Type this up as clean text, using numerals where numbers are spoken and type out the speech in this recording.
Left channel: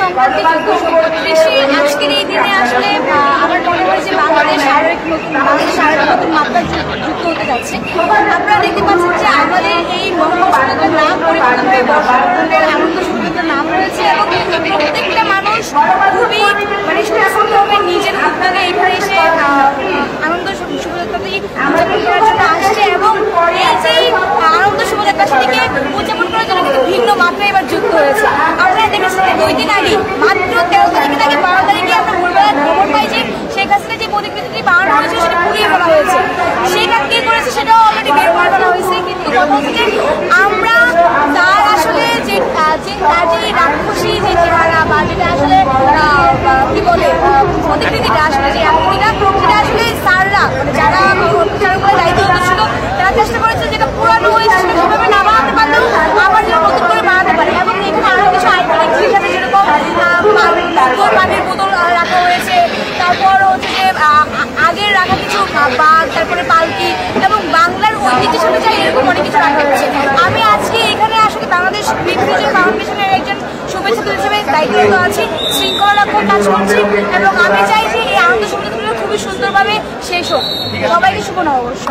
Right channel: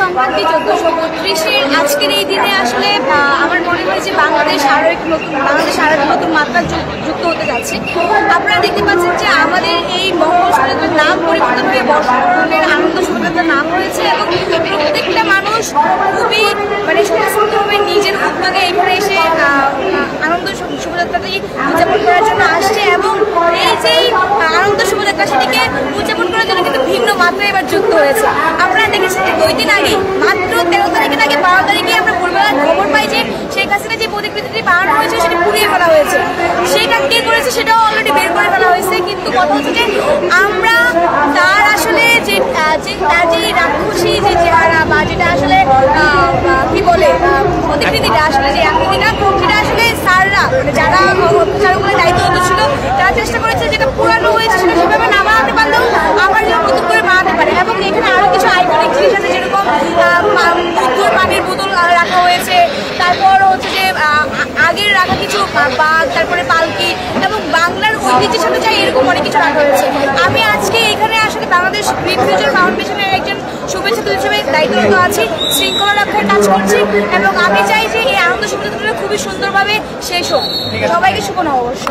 সংক্রান্তি 1432 আজকের এই দিনে আসলে আমার মনে হয় যে বাংলাদেশ আরো এক নতুন মাত্রা যুক্ত হতে যাচ্ছে। আপনারা দেখতে পাচ্ছেন যে আমাদের এই মঙ্গল শোভাযাত্রার নাম পরিবর্তন হয়ে বর্ষবরণের আনন্দ শোভাযাত্রার নাম হয়েছে এবং প্রত্যেকটা মানুষ খুবই স্বতঃস্ফূর্তভাবে নিজের উদ্যোগে এখানে এসে আনন্দ শোভাযাত্রাটি উদযাপন করার জন্য আসছে এবং এই যে আনন্দ শোভাযাত্রা সেটিকে উদযাপন করার জন্য কিন্তু ভিন্ন মাত্রা এবার যুক্ত হয়েছে। আপনারা দেখেছেন যে 2 দিন আগে মাত্র 13 তারিখের আগে 12 তারিখে আমরা ভোরবেলায় খবর পাই যে শেখ হাসিনা যে প্রতিকৃতিটি বানানো হয়েছে সেটি পুড়িয়ে ফেলা হয়েছে। সেটা কে করেছে সেটাও অলরেডি বের করে ফেলা হয়েছে, কিন্তু কথা হচ্ছে যে আমরা তার আসলে যে তার যে রাক্ষসী যে চেহারা বা যেটা আসলে কি বলে প্রতিকৃতিটা আসলে যে আকৃতিটা সেটা আসলে স্যাররা যারা অত্যাচারগুলোর দায়িত্বরত ছিল তারা চেষ্টা করেছে যেটা পুরানো হয়েছে সেটা সেভাবে না বানাতে পারলেও আবার যেন নতুন করে বানাতে পারে। এবং এখানে আরো কিছু আইকনিক জিনিস আছে, যেরকম মধ্যর পানির বোতল রাখা হয়েছে, তারপর হচ্ছে যে আগের রাখা কিছু বাঘ, তারপরে পালকি এবং বাংলার ঐতিহ্যের সাথে চাই এরকম অনেক কিছু রাখা হয়েছে। আমি আজকে এখানে আসলে বাংলাদেশ গ্রিন ফিউচার ফাউন্ডেশনের একজন শুভেচ্ছা হিসেবে দায়িত্বরত আছি, শৃঙ্খলা রক্ষার কাজ করছি এবং আমি চাই যে এই আনন্দ শোভাযাত্রাটা খুবই সুন্দরভাবে শেষ হোক। সবাইকে শুভ নববর্ষ।